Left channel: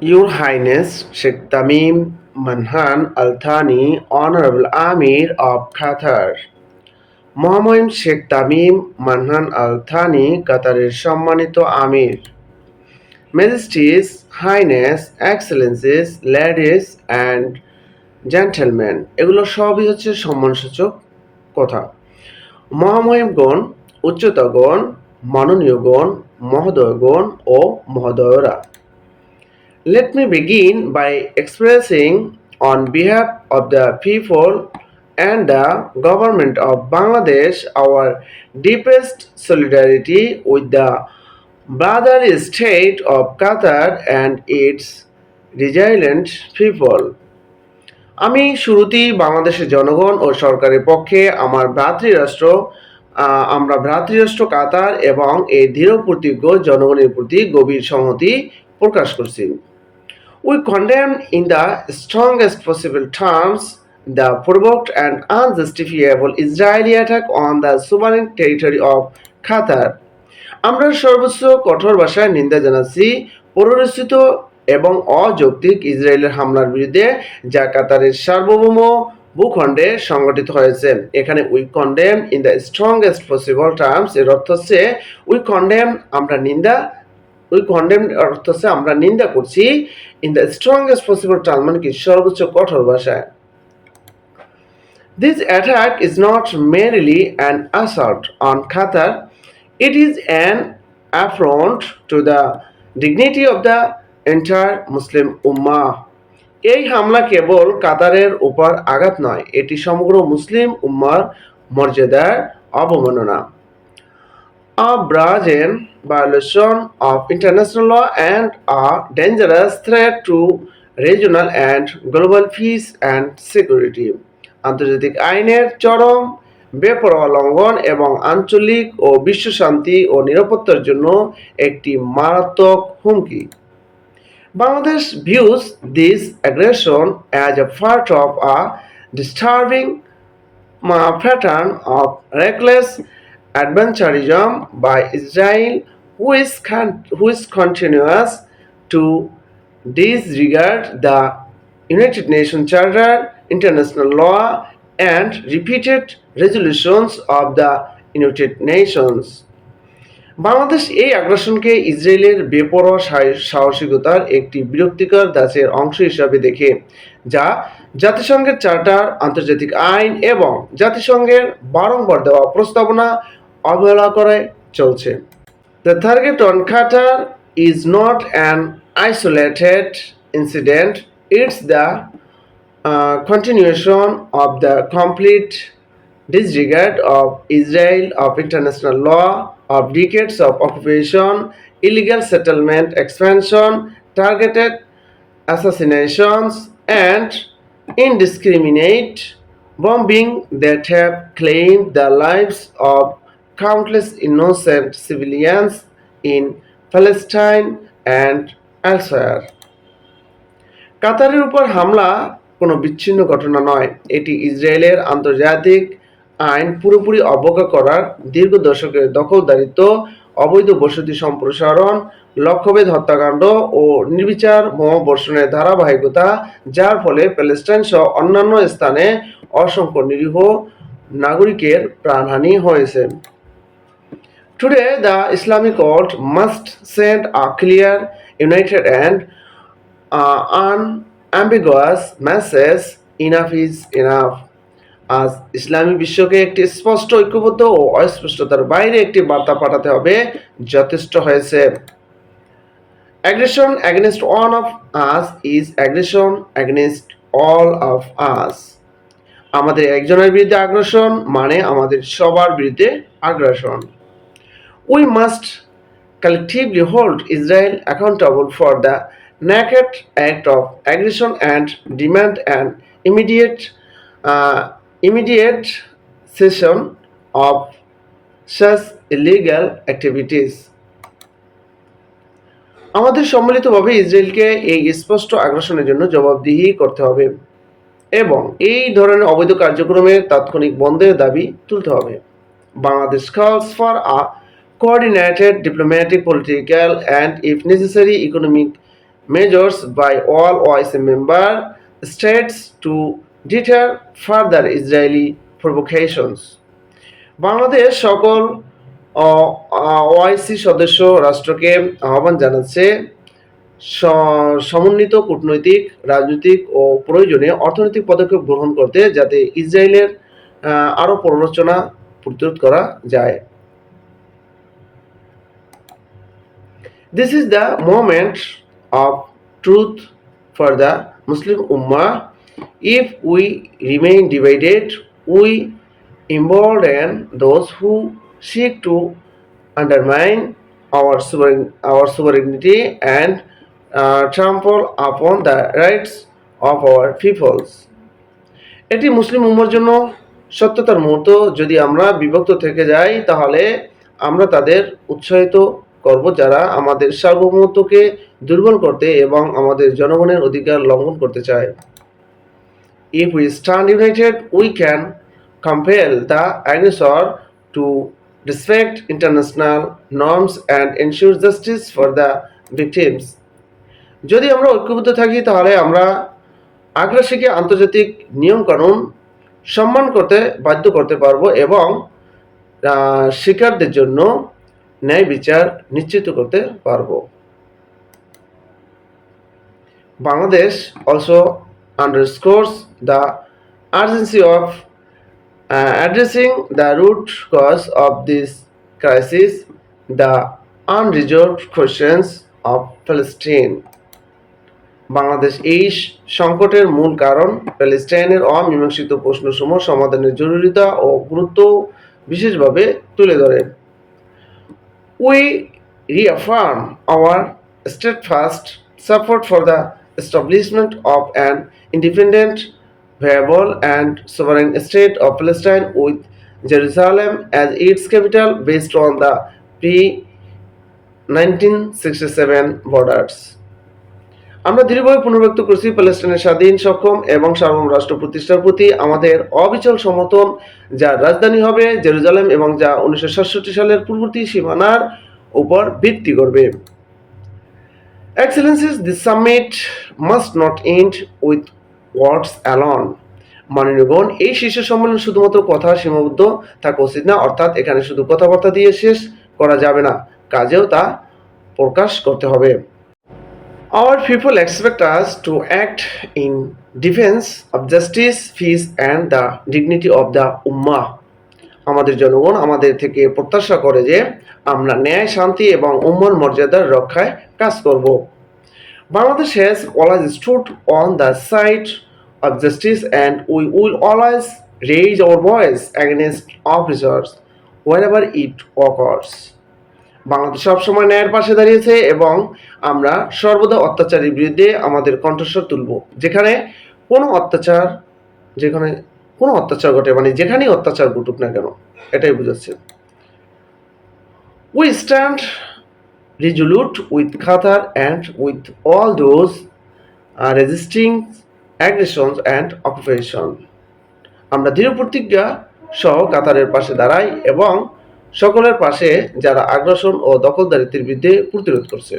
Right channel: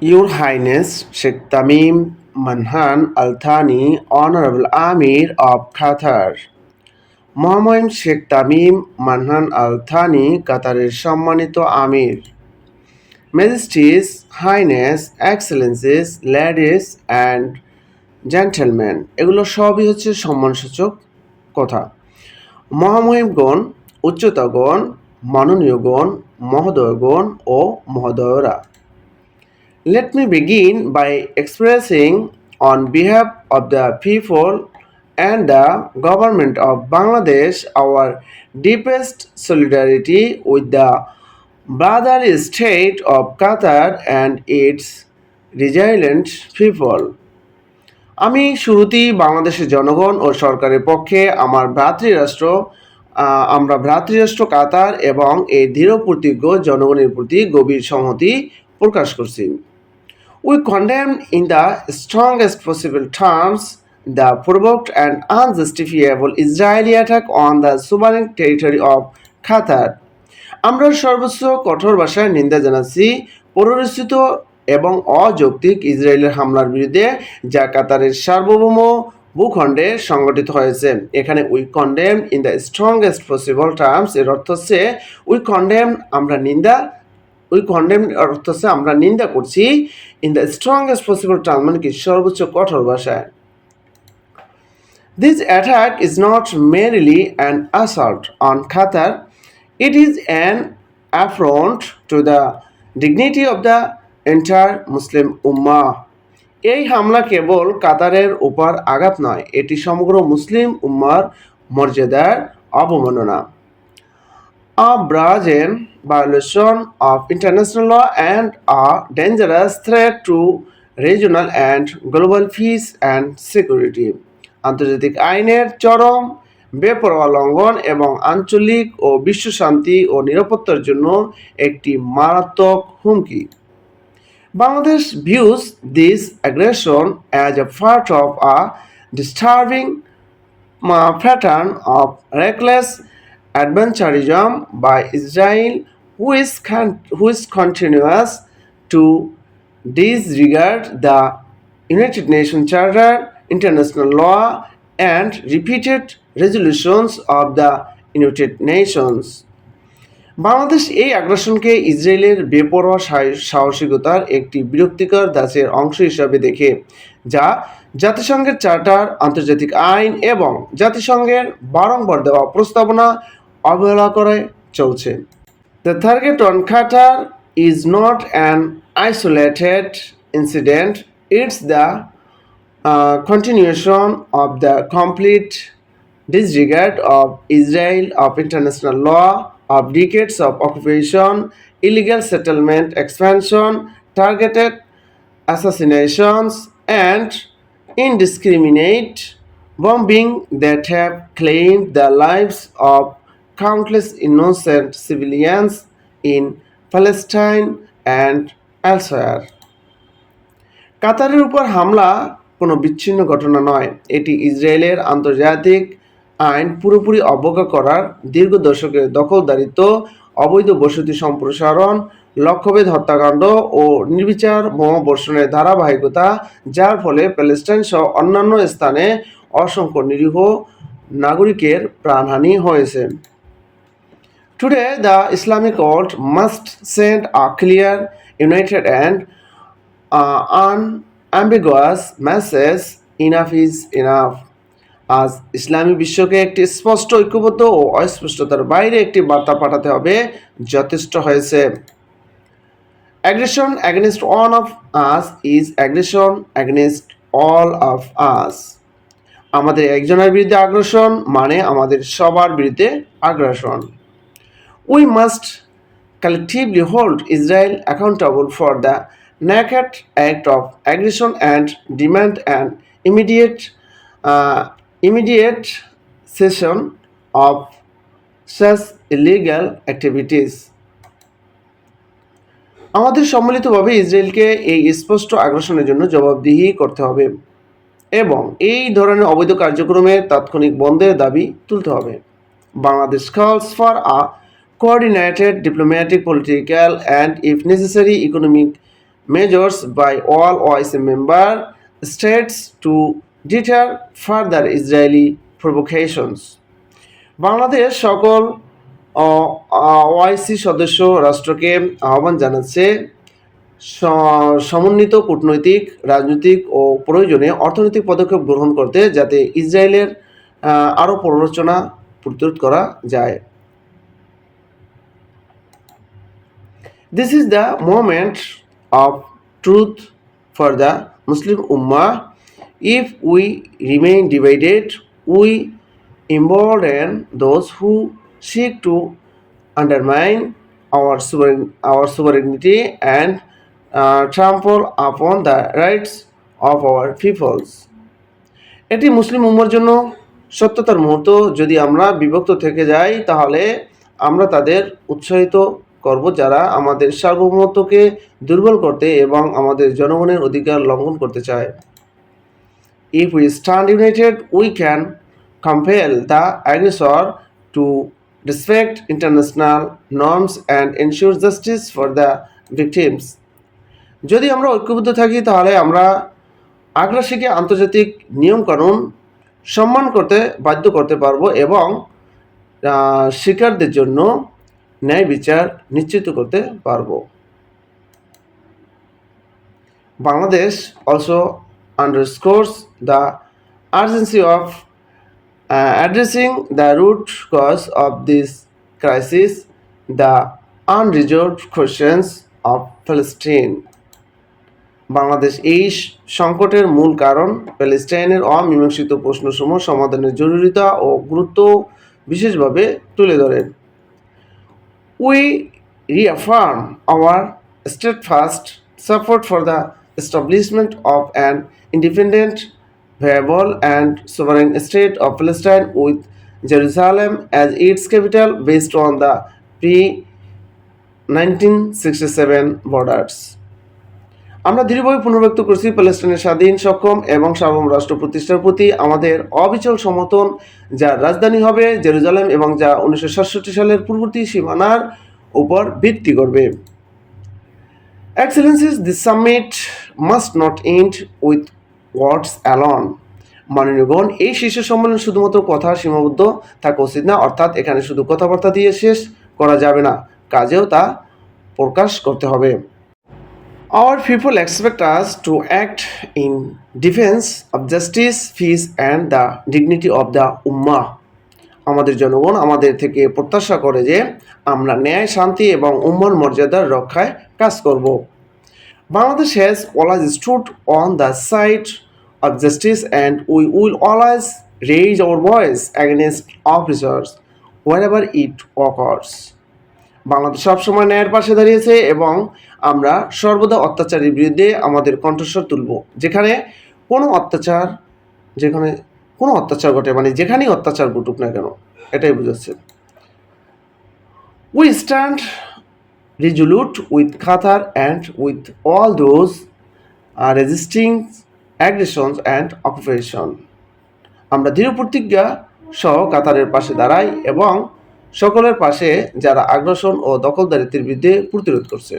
Your Highness Sheikh Tamim Manhan Al Thani, Honorable Amir of Qatar. মহামহিম Sheikh Tamim মানহান Al Thani কাতারের সম্মানিত আমির majesties highness excellencies ladies and gentleman এগুলো সবই হচ্ছে সম্মানসূচক কথা। মহামহিমগণ উচ্চতাগণ মাননীয়গণ মহোদয়গণ ও মহোদয়রা। Let me begin by expressing on behalf of the people and the government of Bangladesh our deepest solidarity with the brotherly state of Qatar and its resilient people. আমি শুরুতেই বাংলাদেশের জনগণ ও সরকারের পক্ষে আমার ভ্রাতৃরাষ্ট্র আমরা ভ্রাতৃরাষ্ট্র কাতার এবং এই দৃঢ় প্রতিজ্ঞ জনগণের প্রতি গভীর সংহতি প্রকাশ করছি We condemn in the strongest possible terms the provoked and unjustifiable Israeli attack on the sovereign territory of Qatar. আমরা সর্বোচ্চ কঠোর ভাষায় নিন্দা জানাচ্ছি পরিরচিত এবং অযৌক্তিক ইসরায়েলের হামলার বিরুদ্ধে, যা কাতারের সার্বভৌম ভূখণ্ডে সংগঠিত হয়েছে এখানে we condemn in the strongest possible terms এর অর্থ হচ্ছে উই কন্ডেম আমরা নিন্দা উই কন্ডেম অর্থ হচ্ছে আমরা নিন্দা করছি in the strongest possible term মানে কি, সর্বোচ্চ কঠোর ভাষায় This attack is not merely an assault on খাতার it is an affront to the dignity of the entire Muslim Ummah. এই হামলা কেবল কাতারের উপর আঘাত নয়, এটি সমগ্র মুসলিম উম্মার মর্যাদার অবমাননা a brazen violation of international law and a dangerous threat to regional and global peace and security. আন্তর্জাতিক আইনের চরম বেপরোয়া লঙ্ঘন এবং আঞ্চলিক ও বিশ্ব শান্তি ও নিরাপত্তার জন্য একটি মারাত্মক হুমকি Bangladesh this aggression as a part of a disturbing uh, pattern of reckless adventurism by Israel, who is, con- who is continuous to disregard the United Nations Charter, international law, and repeated resolutions of the United Nations. Bangladesh এই আগ্রাসনকে ইসরায়েলের বেপরোয়া সাহসিকতার একটি বিরক্তিকর দাসের অংশ হিসাবে দেখে যা জাতিসংঘের চার্টার আন্তর্জাতিক আইন এবং জাতিসংঘের বারংবার দেওয়া প্রস্তাবনা অবহেলা করে চলছে The target on Qatar is not an isolated incident, it's the uh, continuation of the complete disregard of Israel of international law, of decades of occupation, illegal settlement expansion, targeted assassinations, and indiscriminate bombing that have claimed the lives of countless innocent civilians in Palestine and elsewhere. কাতারের উপর হামলা কোনো বিচ্ছিন্ন ঘটনা নয় এটি ইসরায়েলের আন্তর্জাতিক আইন পুরোপুরি অবজ্ঞা করার দীর্ঘ দশকের দখলদারিত্ব, অবৈধ বসতি সম্প্রসারণ, লক্ষ্যভেদ হত্যাকাণ্ড ও নির্বিচার বোমাবর্ষণের ধারাবাহিকতা, যার ফলে প্যালেস্টাইন সহ অন্যান্য স্থানে অসংখ্য নিরীহ নাগরিকের প্রাণহানি হয়েছে Today, the Islamic world must send a clear, united, and uh, unambiguous message enough is enough. আজ ইসলামী বিশ্বকে একটি স্পষ্ট ঐক্যবদ্ধ ও অস্পষ্টতার বাইরে একটি বার্তা পাঠাতে হবে যথেষ্ট হয়েছে। Aggression against one of us is aggression against all of us আমাদের একজনের বিরুদ্ধে আগ্রাসন মানে আমাদের সবার বিরুদ্ধে আগ্রাসন we must collectively hold Israel accountable for the naked act of aggression and demand and immediate immediate cessation of such illegal activities আমাদের সম্মিলিতভাবে ইসরায়েলকে এই স্পষ্ট আগ্রাসনের জন্য জবাবদিহি করতে হবে এবং এই ধরনের অবৈধ কার্যক্রমে তাৎক্ষণিক বন্ধের দাবি তুলতে হবে। Bangladesh calls for a coordinated diplomatic, political, and if necessary, economic measures by all OIC member states to deter further Israeli provocations. Bangladesh সকল ওআইসি সদস্য রাষ্ট্রকে আহ্বান জানাচ্ছে সমন্বিত কূটনৈতিক রাজনৈতিক ও প্রয়োজনে অর্থনৈতিক পদক্ষেপ গ্রহণ করতে যাতে ইসরায়েলের আরও প্ররোচনা প্রতিরোধ করা যায় This is the moment of truth for the Muslim Ummah. If we remain divided, we embolden those who seek to undermine our, sovereign, our sovereignty and uh, trample upon the rights of our peoples. এটি মুসলিম উম্মার জন্য সত্যতার মুহূর্ত যদি আমরা বিভক্ত থেকে যাই তাহলে আমরা তাদের উৎসাহিত করব যারা আমাদের সার্বভৌমত্বকে দুর্বল করতে এবং আমাদের জনগণের অধিকার লঙ্ঘন করতে চায় If we stand united, we can compel the aggressor to respect international norms and ensure justice for the victims. যদি আমরা ঐক্যবদ্ধ থাকি তাহলে আমরা আগ্রাসীকে আন্তর্জাতিক নিয়মকানুন সম্মান করতে বাধ্য করতে পারব এবং শিকারদের জন্য ন্যায় বিচার নিশ্চিত করতে পারব। Bangladesh also underscores the urgency of addressing the root cause of this crisis the unresolved questions of Palestine Bangladesh এই সংকটের মূল কারণ, প্যালেস্টাইনের অমীমাংসিত প্রশ্নসমূহ সমাধানের জরুরিতা ও গুরুত্ব বিশেষভাবে তুলে ধরেন We reaffirm our steadfast support for the establishment of an independent, viable, and sovereign state of Palestine with Jerusalem as its capital based on the pre 1967 borders. আমরা দৃঢ়ভাবে পুনর্ব্যক্ত করছি প্যালেস্টাইনের স্বাধীন সক্ষম এবং সার্বভৌম রাষ্ট্র প্রতিষ্ঠার প্রতি আমাদের অবিচল সমর্থন যার রাজধানী হবে জেরুজালেম এবং যা উনিশশো সাতষট্টি সালের পূর্ববর্তী সীমানার উপর ভিত্তি করবে। Excellencies, the summit must not end with words alone মাননীয়গণ এই শীর্ষ সম্মেলন শুধুমাত্র কথা সীমাবদ্ধ থাকা উচিত না অর্থাৎ এখানে শুধু কথাবার্তা দিয়ে শেষ করা যাবে না কাজেও তা প্রকাশ করতে হবে। Our people expect us to act in defense of justice, peace, and the dignity of the Ummah. আমাদের জনগণ আমাদের থেকে প্রত্যাশা করে যে আমরা ন্যায় শান্তি এবং উম্মার মর্যাদার রক্ষায় কাজ করব Bangladesh has always stood on the side of justice and we will always raise our voice against officers wherever it occurs Bangladesh সবসময় ন্যায়ের পাশে দাঁড়িয়েছে এবং আমরা সর্বদা অত্যাচারের বিরুদ্ধে আমাদের কণ্ঠস্বর তুলব যেখানে কোনো অত্যাচার যেখানে কোনো অত্যাচার ঘটে মানে যেখানেই অত্যাচার ঘটুক না কেন এটাই বুঝাচ্ছে we stand resolute with Qatar and with all those uh, resisting aggressions and occupation. আমরা দৃঢ় প্রতিজ্ঞা সহ কাতারের পাশে দাঁড়াই এবং সকলের পাশে যারা আগ্রাসন ও দখলদারিত্বের বিরুদ্ধে প্রতিরোধ করছে।